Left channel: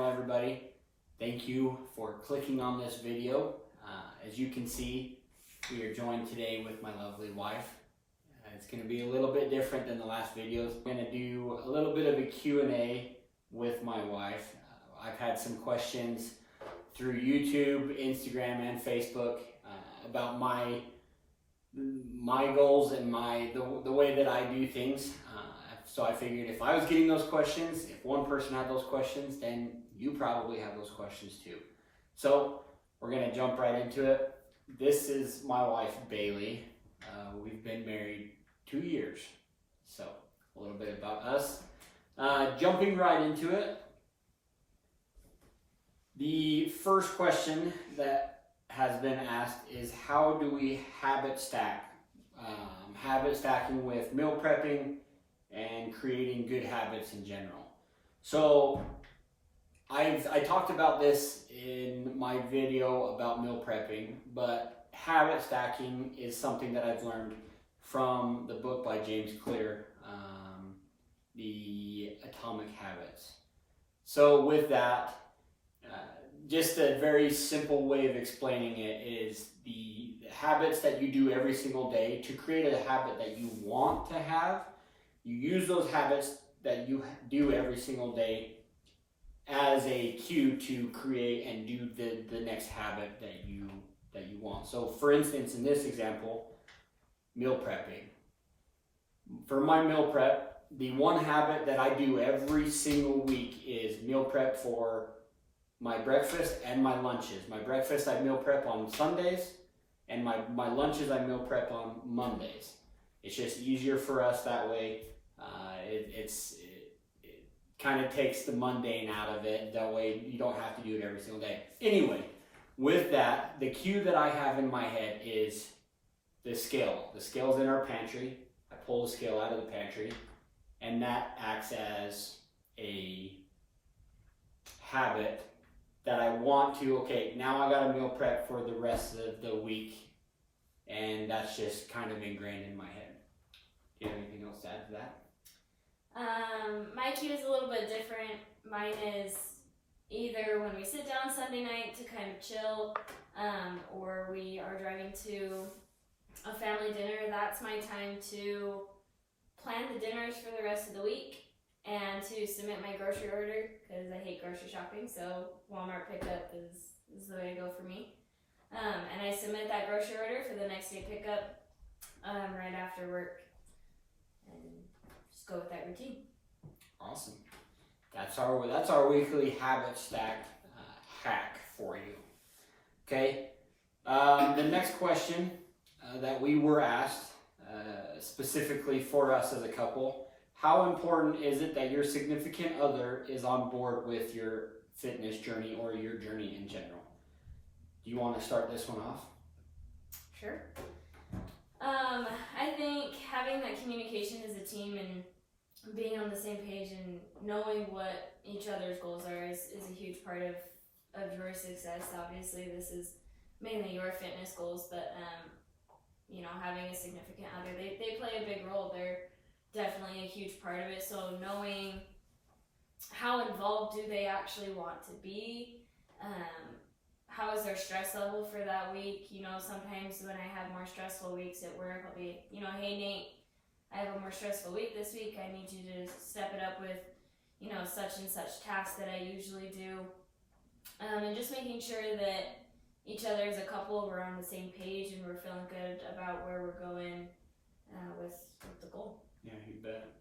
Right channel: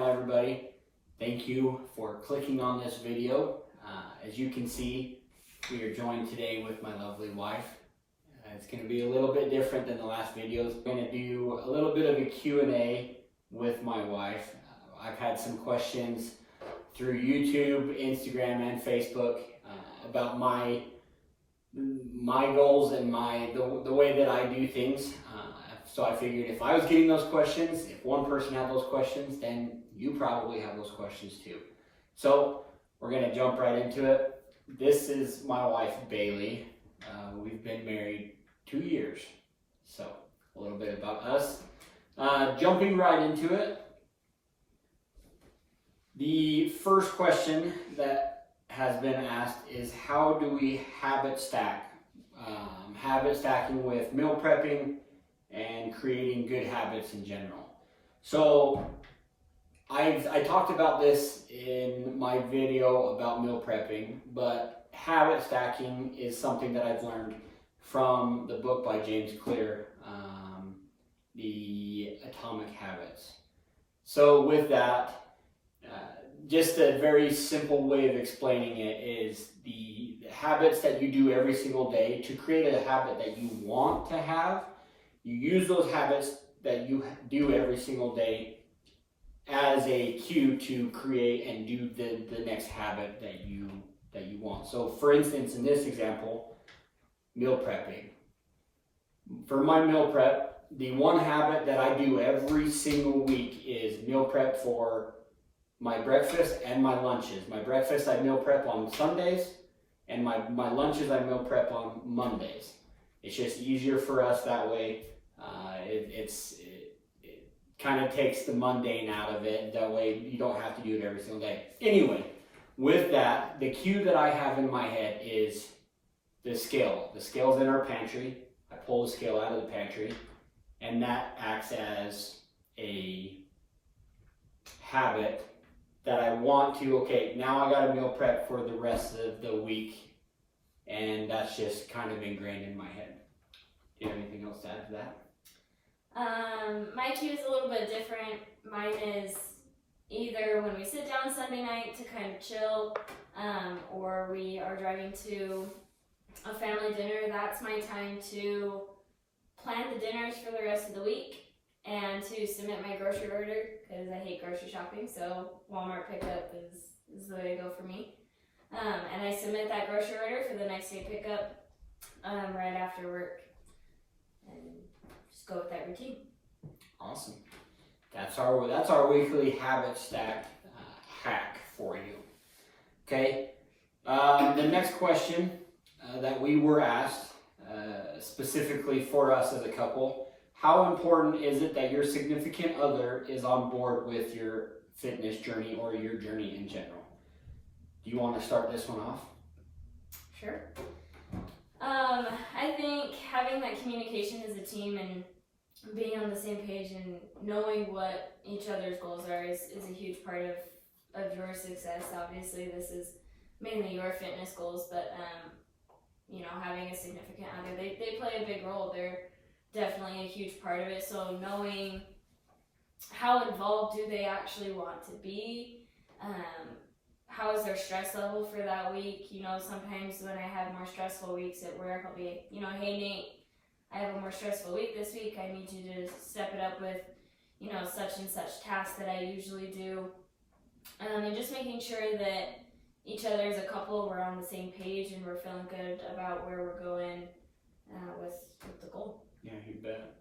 channel, everybody. Thank you for clicking on this video. As you can see, we are joined today with my lovely wife. It's going to be a little bit different than the last videos. I'm going to do a little bit of a Q&A with my wife. I've had some questions through YouTube, Instagram, and Facebook about my goals and the way that I do things. So I figured if I was getting those questions, if one person had those questions, then you probably have those questions too. So we're going to jump right into it. This is my wife, Bailey. We've been married 2 years. So a little bit about us. Jumping right into it. The first question that has been asked is, how do we habit stack? Habit stacking with meal prepping and creating good habits in general. So I talked about this in my video about meal prepping, but habit stacking is something that I've learned from the book by James Clear, The Atomic Habits. So with that, just a very simple way of explaining it is the habits that you do every single day to create a habit that you want to have. You use those habits that you do every single day as a cue to create and do the next habit that you want. So for instance, in this example, meal prepping. For my meal prep, the one habit that I do every single week is meal prep for my breakfast and my lunches. My breakfast I meal prep on Sundays, and my lunches I meal prep on Mondays. It's just easier for us that way. It kind of takes the mundane out of it. That way you don't have to do it every single day. Anyway, with that, the cue that I have in my head is the scale. The scale's in our pantry. I pull the scale out of the pantry, and that acts as a habit that I want to, okay, now I got to meal prep for the rest of the week, and that's just kind of ingrained in my head. Do you have anything else to add to that? My cue is a little bit different. Mine is either when we sit down Sunday night to kind of chill, or we are driving to a family dinner. That's my time to plan the dinners for the rest of the week and to submit my grocery order, because I hate grocery shopping, so Walmart pickup is the way to go for me. And I submit that grocery order for the next day pickup right after work, and just go with that routine. Awesome. That's our weekly habit stack hack for you. Okay. The next question that we were asked specifically for us as a couple: how important is it that your significant other is on board with your fitness journey or your journey in general? Do you want to start this one off? Sure. I think having that communication as a team and being on the same page and knowing what each other's goals are is a huge part of your success. Obviously, this is mainly your fitness goals, but having a significant other, they play a big role. They're definitely a huge part of it. So knowing how involved do they actually want to be, how is their stress level for that week? Sometimes when I have more stressful weeks at work, I'll be, hey Nate, I have a more stressful week this week. I need you to step it up with, such and such tasks that I usually do. And just making sure that each other as a couple, we're on the same page and we're feeling good about where we're going with the goal. Yeah, you bet.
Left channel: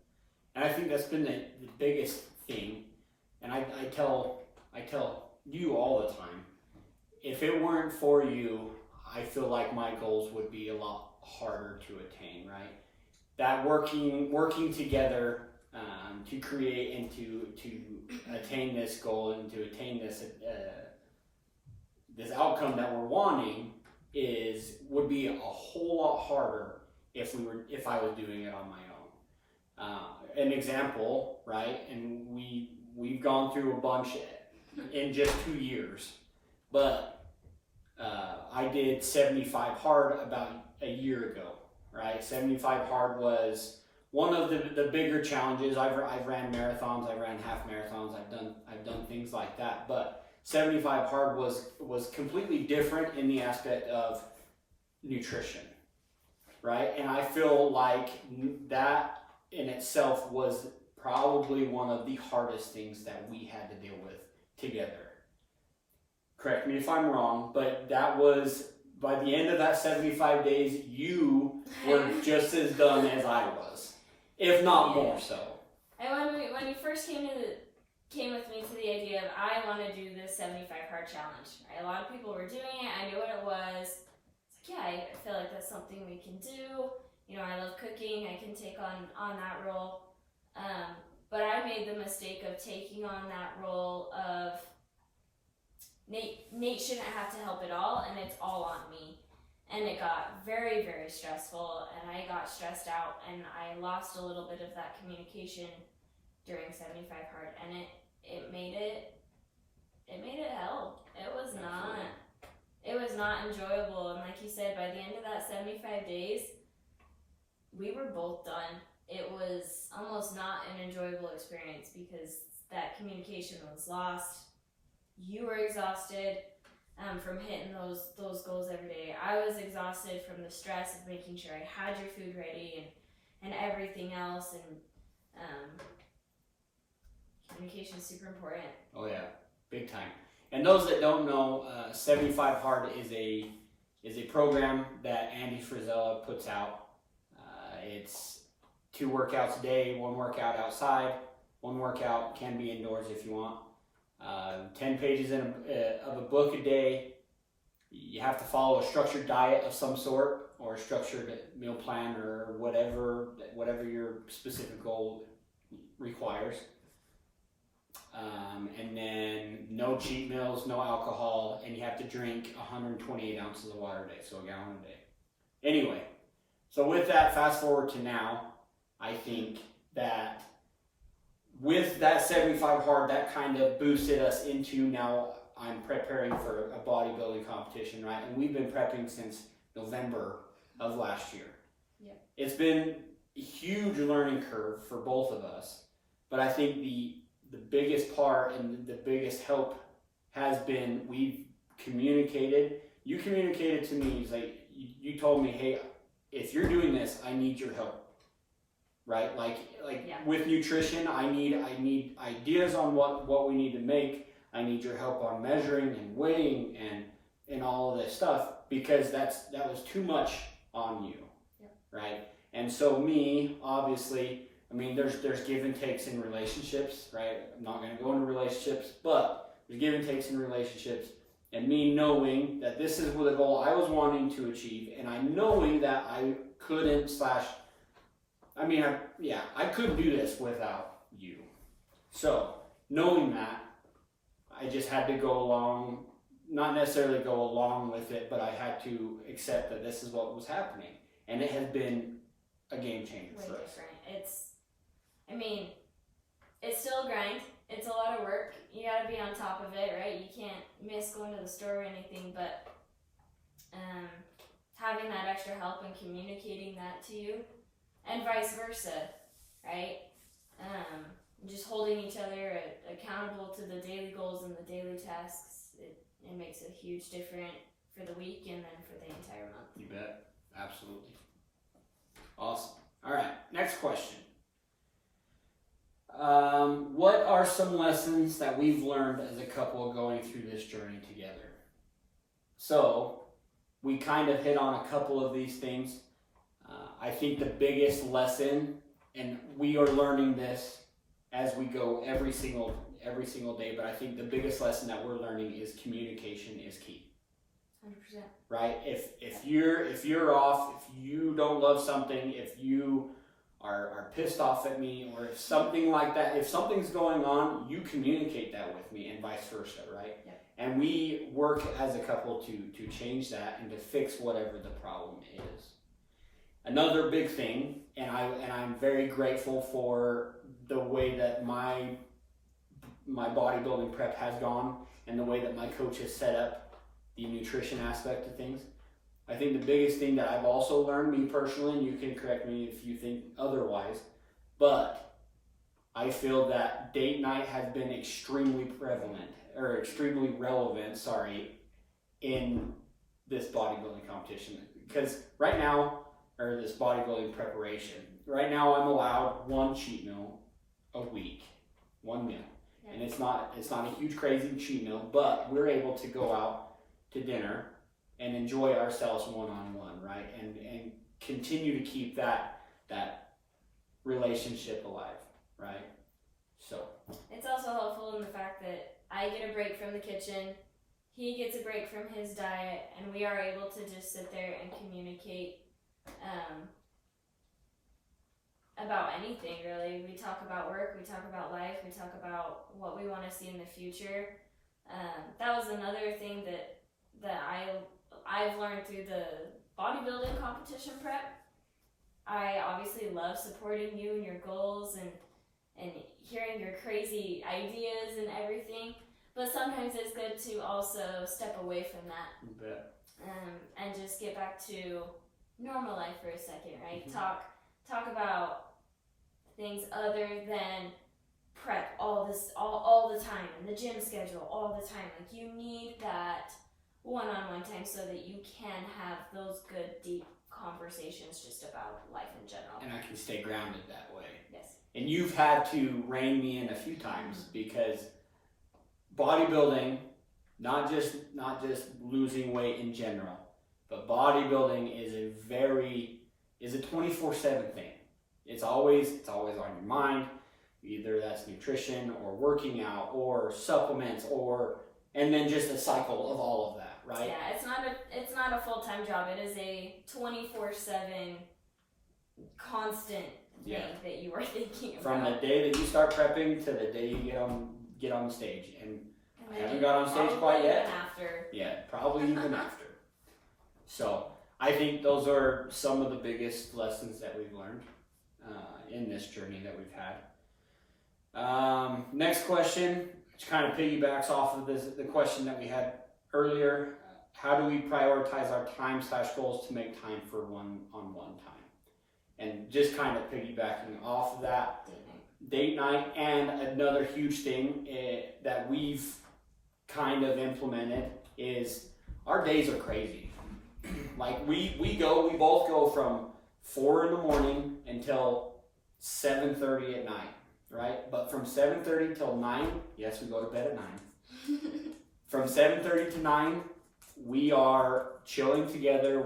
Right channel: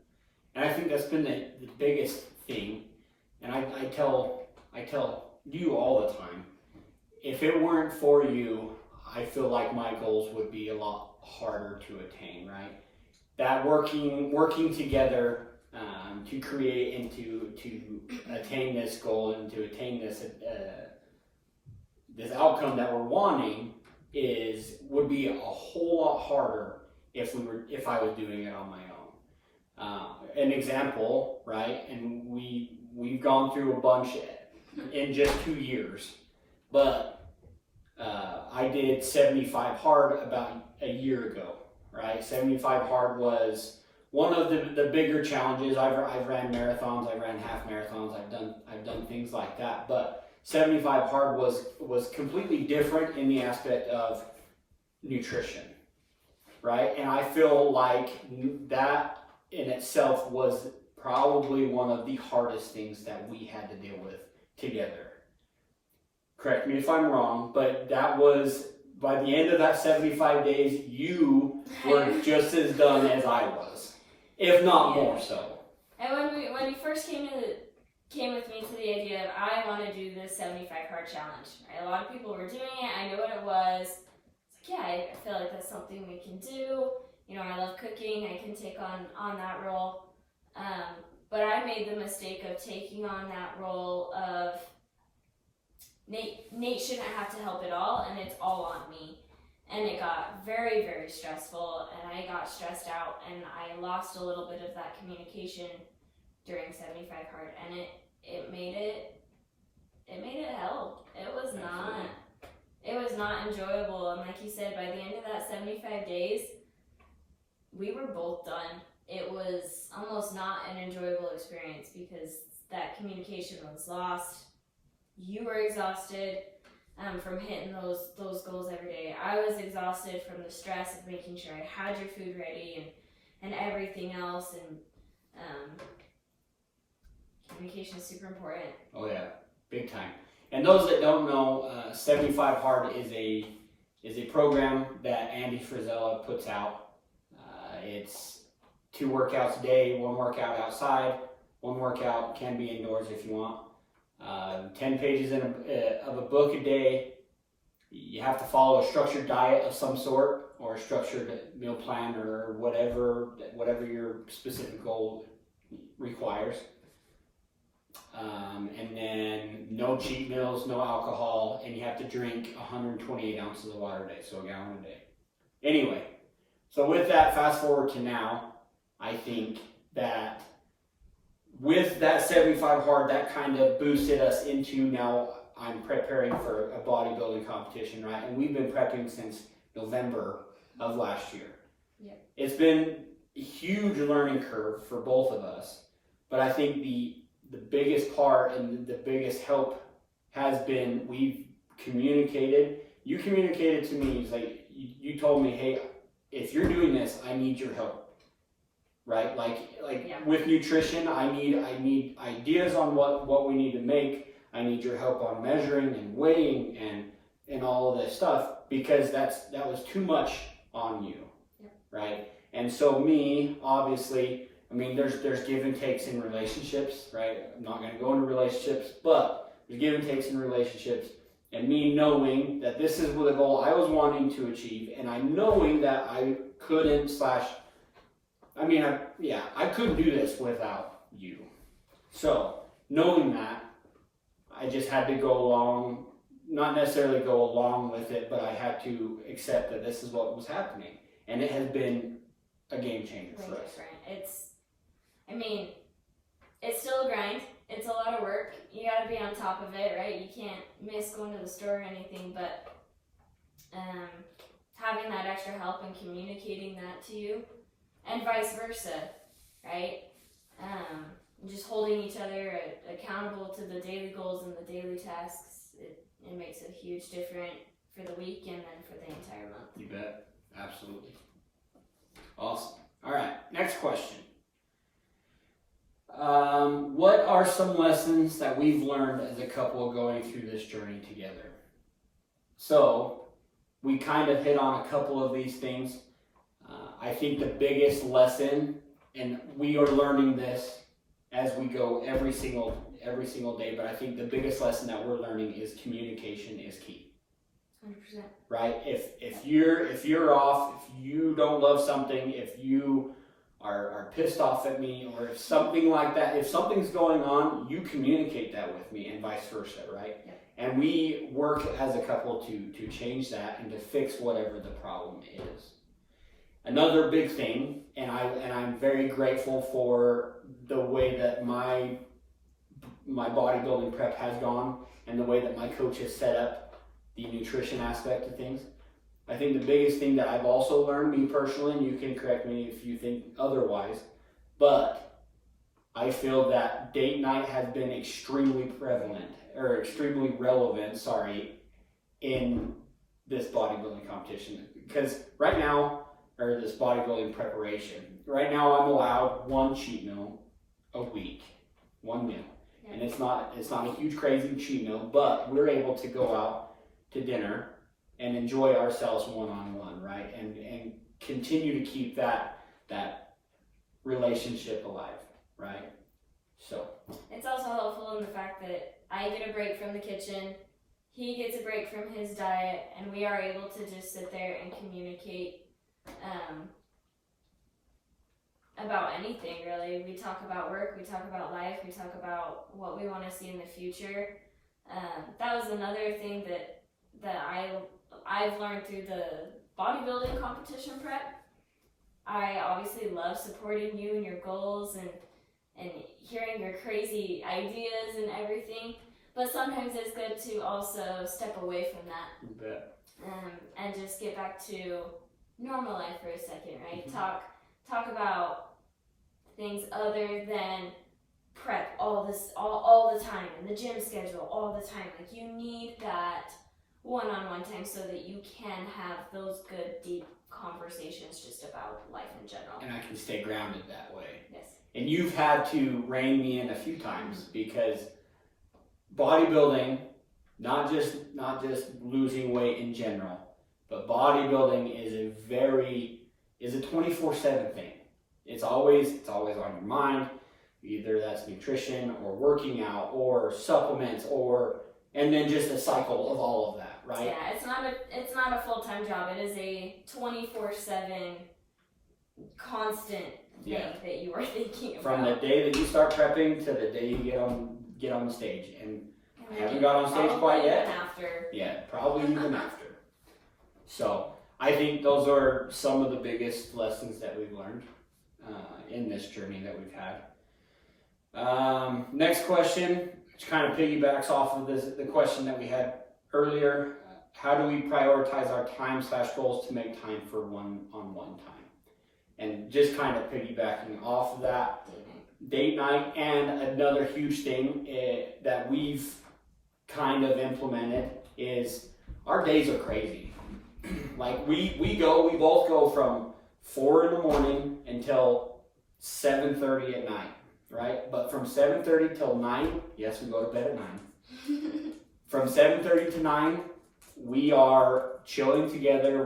And I think that's been the biggest thing. And I tell you all the time, if it weren't for you, I feel like my goals would be a lot harder to attain, right? That working together to create and to attain this goal and to attain this outcome that we're wanting would be a whole lot harder if I was doing it on my own. An example, right? And we've gone through a bunch in just 2 years, but I did 75 hard about a year ago, right? 75 hard was one of the bigger challenges, I've ran marathons, I ran half marathons, I've done things like that, but 75 hard was completely different in the aspect of nutrition, right? And I feel like that in itself was probably one of the hardest things that we had to deal with together. Correct me if I'm wrong, but that was, by the end of that 75 days, you were just as done as I was, if not more so. And when you first came with me to the idea of I want to do this 75 hard challenge, right? A lot of people were doing it. I knew what it was. It's like, yeah, I feel like that's something we can do. You know, I love cooking. I can take on that role. But I made the mistake of taking on that role of Nate shouldn't have to help at all, and it's all on me. And it got very, very stressful, and I got stressed out, and I lost a little bit of that communication during 75 hard, and it made it hell. It was not enjoyable, and like you said, by the end of that 75 days, we were both done. It was almost not an enjoyable experience because that communication was lost. You were exhausted from hitting those goals every day. I was exhausted from the stress of making sure I had your food ready and everything else. And communication is super important. Oh yeah, big time. And those that don't know, 75 Hard is a program that Andy Frizella puts out. It's 2 workouts a day, 1 workout outside, 1 workout can be indoors if you want. 10 pages of a book a day. You have to follow a structured diet of some sort or a structured meal plan or whatever your specific goal requires. And then no cheat meals, no alcohol, and you have to drink 128 ounces of water a day, so a gallon a day. Anyway, so with that, fast forward to now, I think that with that 75 hard, that kind of boosted us into now I'm preparing for a bodybuilding competition, right? And we've been prepping since November of last year. Yeah. It's been a huge learning curve for both of us, but I think the biggest part and the biggest help has been we've communicated. You communicated to me, it's like you told me, hey, if you're doing this, I need your help. Right, like yeah. With nutrition, I need ideas on what we need to make. I need your help on measuring and weighing and all of this stuff because that was too much on you, yep. Right? And so me, obviously, I mean, there's give and takes in relationships, right? I'm not going to go into relationships, but there's give and takes in relationships. And me knowing that this is the goal I was wanting to achieve, and I knowing that I couldn't I couldn't do this without you. So, knowing that, I just had to go along, not necessarily go along with it, but I had to accept that this is what was happening. And it has been a game changer for us. Different. It's still a grind. It's a lot of work. You gotta be on top of it, right? You can't miss going to the store or anything, but having that extra help and communicating that to you, and vice versa, right? Just holding each other accountable to the daily goals and the daily tasks, it makes a huge difference for the week and then for the entire month. You bet. Absolutely. Awesome. All right, next question. What are some lessons that we've learned as a couple going through this journey together? So, we kind of hit on a couple of these things. I think the biggest lesson, and we are learning this as we go every single day, but I think the biggest lesson that we're learning is communication is key. 100%. Right? If you're off, if you don't love something, if you are pissed off at me, or if something like that, if something's going on, you communicate that with me and vice versa, right? Yeah. And we work as a couple to change that and to fix whatever the problem is. Another big thing, and I'm very grateful for the way that my bodybuilding prep has gone and the way that my coach has set up the nutrition aspect of things. I think the biggest thing that I've also learned, me personally, and you can correct me if you think otherwise, but I feel that date night has been extremely relevant, in this bodybuilding competition. Because right now, or this bodybuilding preparation, right now I'm allowed one cheat meal a week, one meal. Yeah. And it's not a huge crazy cheat meal, but we're able to go out to dinner and enjoy ourselves one-on-one, right? And continue to keep that relationship alive, right? So it's also helpful in the fact that I get a break from the kitchen, he gets a break from his diet, and we are able to just sit there and communicate about anything, really. We talk about work, we talk about life, we talk about what we want to see in the future. That was another thing that I've learned through the bodybuilding competition prep. I obviously love supporting you and your goals and hearing your crazy ideas and everything, but sometimes it's good to also step away from that. you bet. And just get back to normal life for a second, right? Mhm. Talk about things other than prep all the time and the gym schedule all the time. Like, you need that one-on-one time so that you can have those good deep conversations just about life in general. And I can stay grounded that way. Yes. And you've had to rein me in a few times because bodybuilding, not just losing weight in general, but bodybuilding is a 24/7 thing. It's always on your mind. Either that's nutrition or working out or supplements and then just a cycle of all of that, right? Yeah, it's not a full-time job. It is a 24/7 constant thing that you are thinking about. From the day that you start prepping to the day you get on the stage. And I haven't got on stage quite yet. Even after. Yeah, probably even after. So I think those are some of the biggest lessons that we've learned in this journey that we've had. Next question, which kind of piggybacks off of the question that we had earlier. How do we prioritize our time/goals to make time for one-on-one time? And just kind of piggybacking off of that, date night, and another huge thing that we've kind of implemented is our days are crazy. Like we both go from 4 in the morning until 7:30 at night, right? But from 7:30 till 9, yes, we go to bed at 9. From 7:30 to 9, we are chilling together.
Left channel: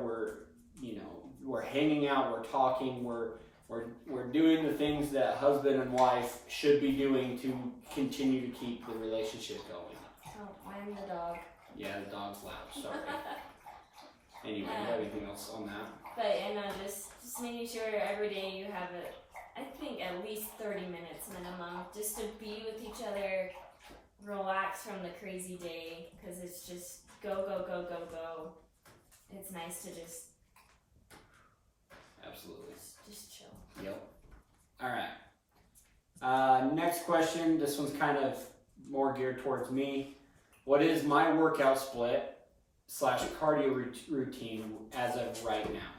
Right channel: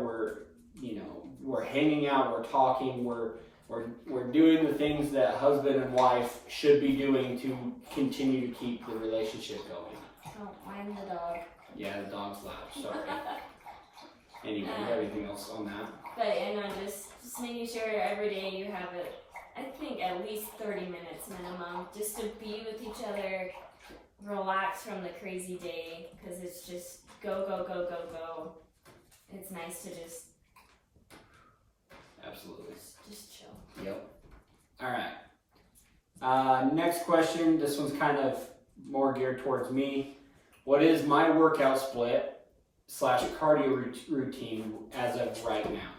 We're hanging out. We're talking. We're doing the things that husband and wife should be doing to continue to keep the relationship going. Don't mind the dog. Yeah, the dog's loud. Sorry. Anyway, you have anything else on that? But just making sure every day you have I think at least 30 minutes minimum, just to be with each other, relax from the crazy day, because it's just go. It's nice to just Absolutely. just chill. Yep. All right. Next question. This one's kind of more geared towards me. What is my workout split / cardio routine as of right now?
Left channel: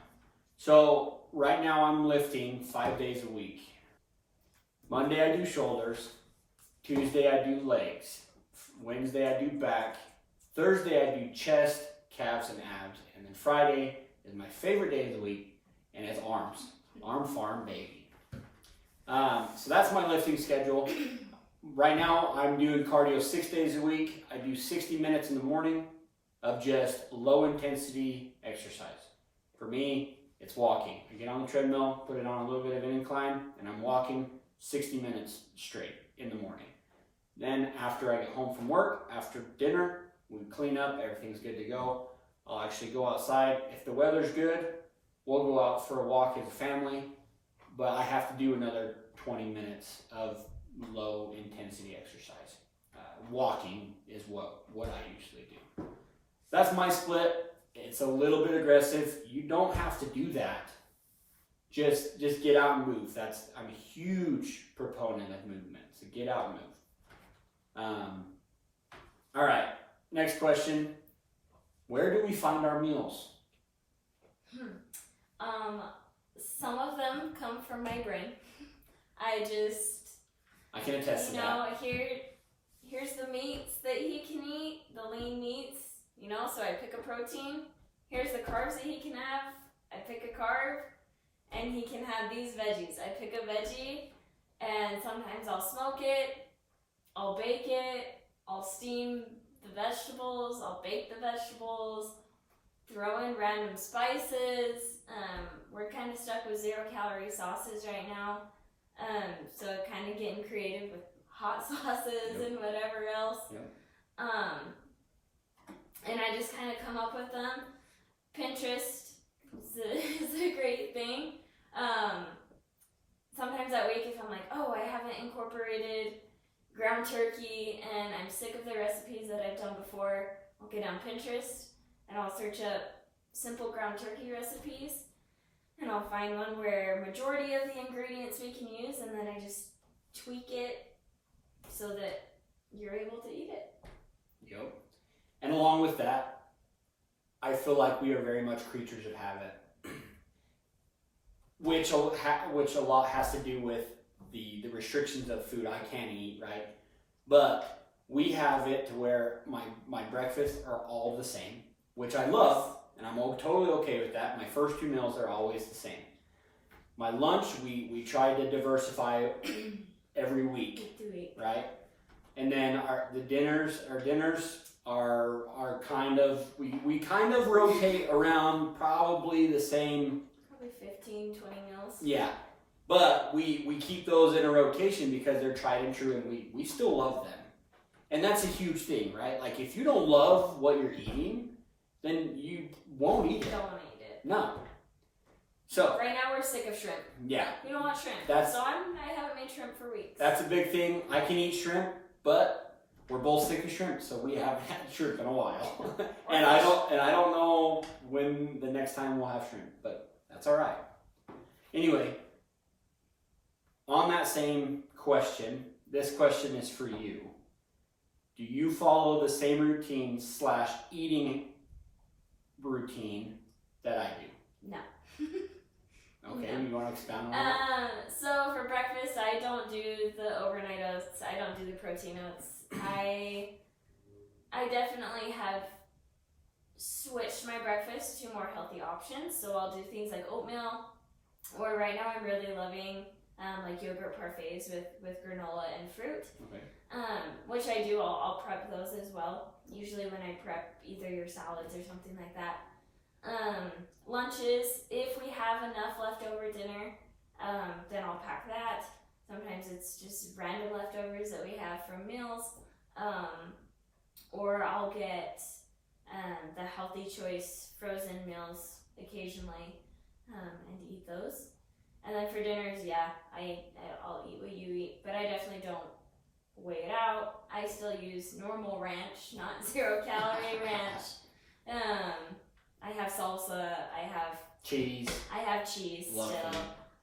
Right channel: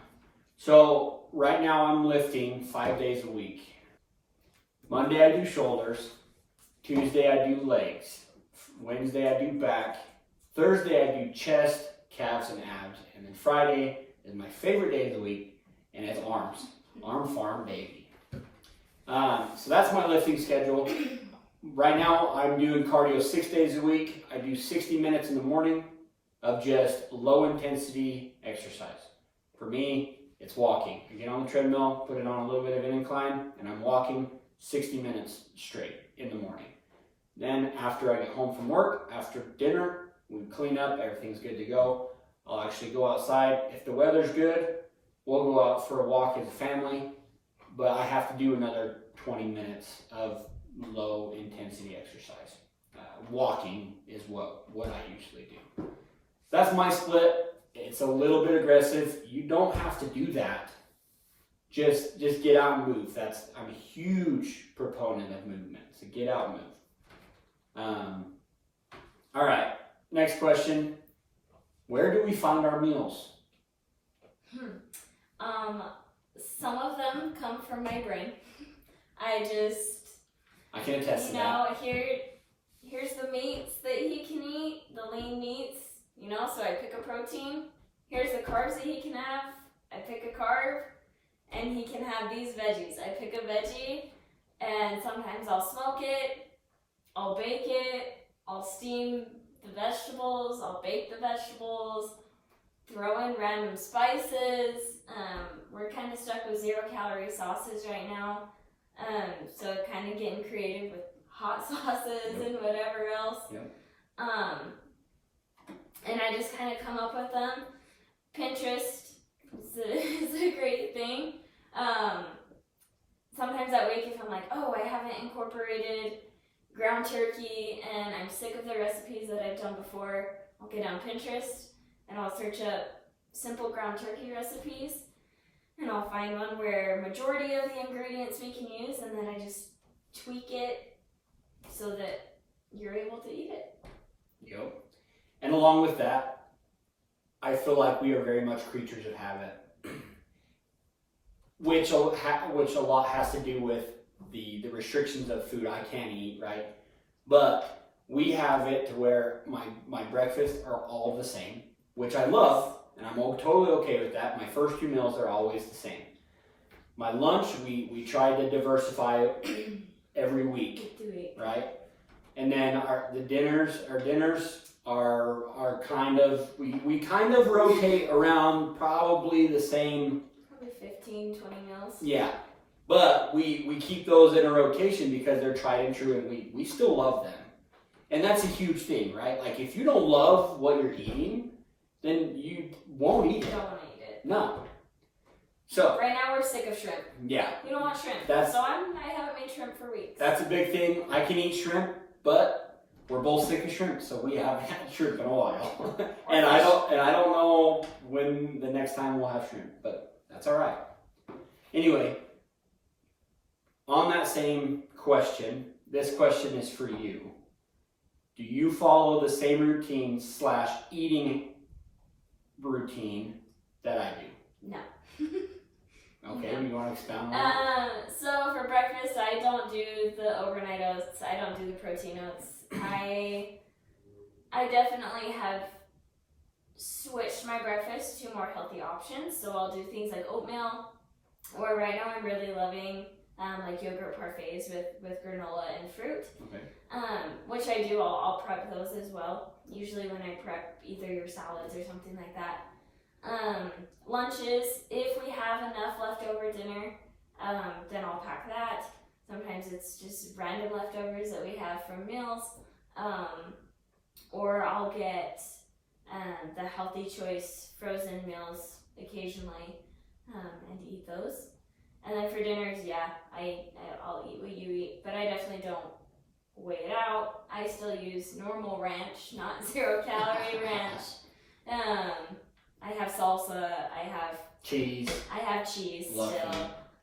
So right now I'm lifting 5 days a week. Monday I do shoulders. Tuesday I do legs. Wednesday I do back. Thursday I do chest, calves, and abs. And then Friday is my favorite day of the week, and it's arms. Arm farm, baby. So that's my lifting schedule. Right now I'm doing cardio 6 days a week. I do 60 minutes in the morning of just low intensity exercise. For me, it's walking. I get on the treadmill, put it on a little bit of an incline, and I'm walking 60 minutes straight in the morning. Then after I get home from work, after dinner, we clean up, everything's good to go. I'll actually go outside. If the weather's good, we'll go out for a walk as a family, but I have to do another 20 minutes of low intensity exercise. Walking is what I usually do. That's my split. It's a little bit aggressive. You don't have to do that. Just get out and move. I'm a huge proponent of movement. So get out and move. All right. Next question. Where do we find our meals? Some of them come from my brain. I can attest to that. Here's the meats that he can eat, the lean meats, so I pick a protein. Here's the carbs that he can have, I pick a carb, and he can have these veggies. I pick a veggie, and sometimes I'll smoke it, I'll bake it, I'll steam the vegetables, I'll bake the vegetables, throw in random spices. We're kind of stuck with 0-calorie sauces right now, so kind of getting creative with hot sauces and whatever else. And I just kind of come up with them. Pinterest is a great thing. Sometimes that week, if I'm like, oh, I haven't incorporated ground turkey and I'm sick of the recipes that I've done before, I'll get on Pinterest and I'll search up simple ground turkey recipes, and I'll find one where majority of the ingredients we can use, and then I just tweak it so that you're able to eat it. Yep. And along with that, I feel like we are very much creatures of habit, which a lot has to do with the restrictions of food I can eat, right? But we have it to where my breakfasts are all the same, which I love, and I'm totally okay with that. My first 2 meals are always the same. My lunch, we try to diversify every week, right? And then our dinners are kind of, we kind of rotate around probably the same. Probably 15, 20 meals. Yeah. But we keep those in a rotation because they're tried and true, and we still love them. And that's a huge thing, right? Like, if you don't love what you're eating, then you won't eat it. You don't want to eat it. No. So right now we're sick of shrimp. Yeah. We don't want shrimp. I haven't made shrimp for weeks. That's a big thing. I can eat shrimp, but we're both sick of shrimp, so we haven't had shrimp in a while. and I don't know when the next time we'll have shrimp, but that's all right. Anyway, on that same question, this question is for you. Do you follow the same routine/eating routine that I do? No. Okay, no. You want to expound on that? So for breakfast, I don't do the overnight oats. I don't do the protein oats. I definitely have switched my breakfast to more healthy options. So I'll do things like oatmeal, or right now I'm really loving like yogurt parfaits with granola and fruit. Okay. Which I do. I'll prep those as well. Usually when I prep either your salads or something like that. Lunches, if we have enough leftover dinner, then I'll pack that. Sometimes it's just random leftovers that we have from meals. Or I'll get the Healthy Choice frozen meals occasionally and eat those. And then for dinners, I'll eat what you eat, but I definitely don't weigh it out. I still use normal ranch, not 0-calorie ranch. I have salsa, I have cheese Love still.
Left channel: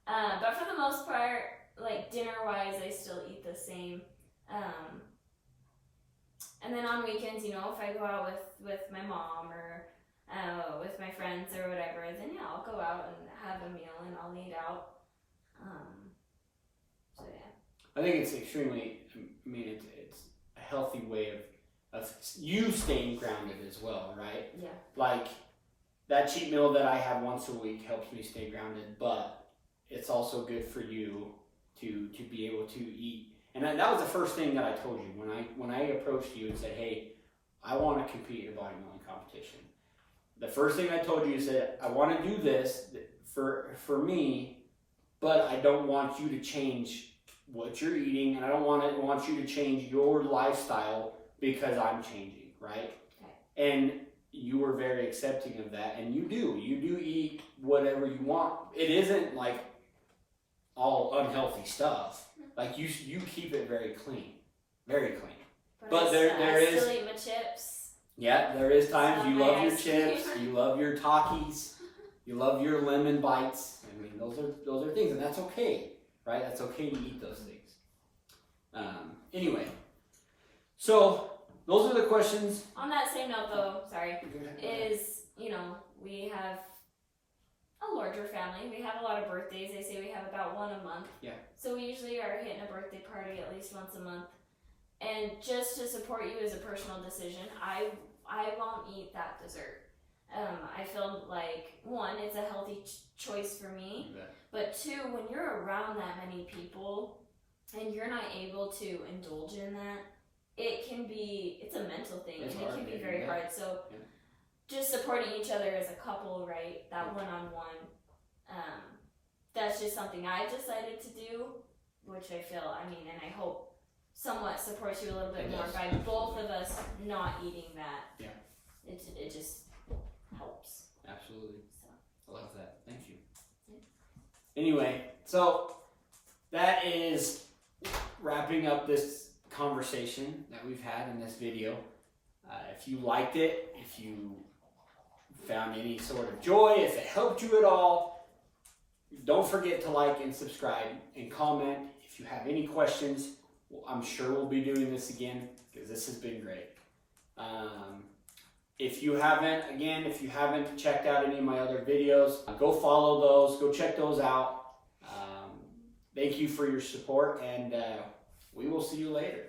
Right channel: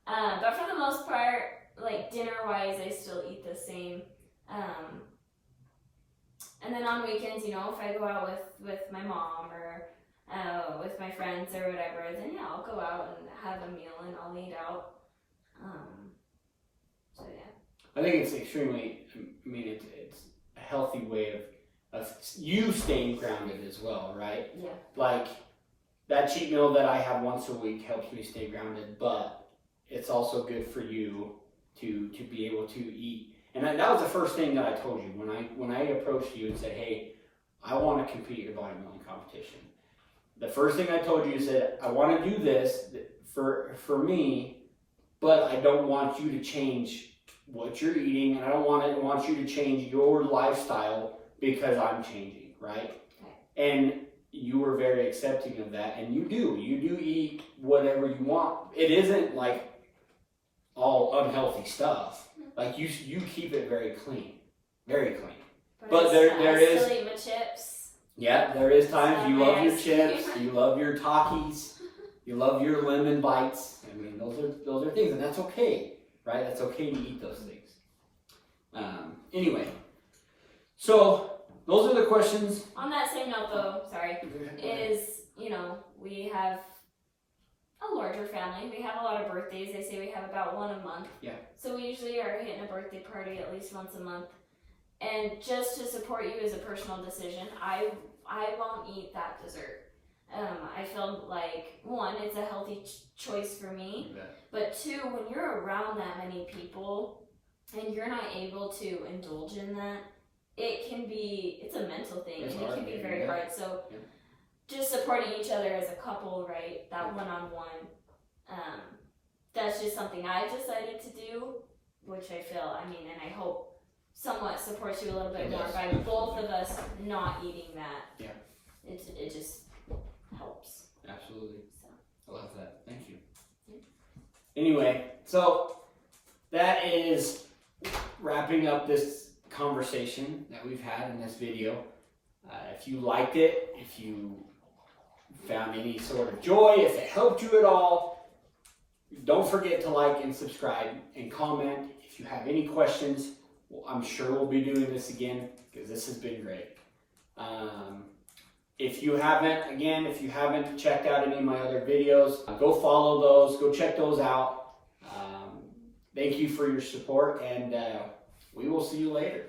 But for the most part, like dinner-wise, I still eat the same. And then on weekends, if I go out with my mom or with my friends or whatever, then I'll go out and have a meal and I'll eat out. So yeah. I think it's extremely, it's a healthy way of you staying grounded as well, right? Yeah. Like, that cheat meal that I have once a week helps me stay grounded, but it's also good for you to be able to eat. And that was the first thing that I told you when I approached you and said, hey, I want to compete in a bodybuilding competition. The first thing I told you is that I want to do this for me, but I don't want you to change what you're eating, and I don't want you to change your lifestyle because I'm changing, right? Okay. And you were very accepting of that, and you do eat whatever you want. It isn't like all unhealthy stuff. Like you keep it very clean, very clean. But there is. I still eat my chips. Yeah, there is times you love your chips, you love your Takis, you love your lemon bites. I mean, those are things, and that's okay, right? That's okay to eat those things. Anyway, so those are the questions. On that same note, though, sorry, is we have a larger family. We have a lot of birthdays. They say we have about one a month. Yeah. So we usually are hitting a birthday party at least once a month. And just to support you as a personal decision, I won't eat that dessert. I feel like, one, it's a healthy choice for me, but two, when you're around that many people and you're not able to indulge in that, it's a mental thing, and it can be very hard. So just supporting each other as a couple, right, that one-on-one, that's just something I decided to do, which I feel, and I hope somewhat supports you a little bit more by both of us not eating that. Yeah. It just helps. Absolutely. So. I love that. Thank you. Anyway, so that is wrapping up this conversation that we've had in this video. If you liked it, if you found any sort of joy, if it helped you at all, don't forget to like and subscribe and comment. If you have any questions, I'm sure we'll be doing this again because this has been great. If you haven't checked out any of my other videos, go follow those, go check those out. Thank you for your support, and we will see you later.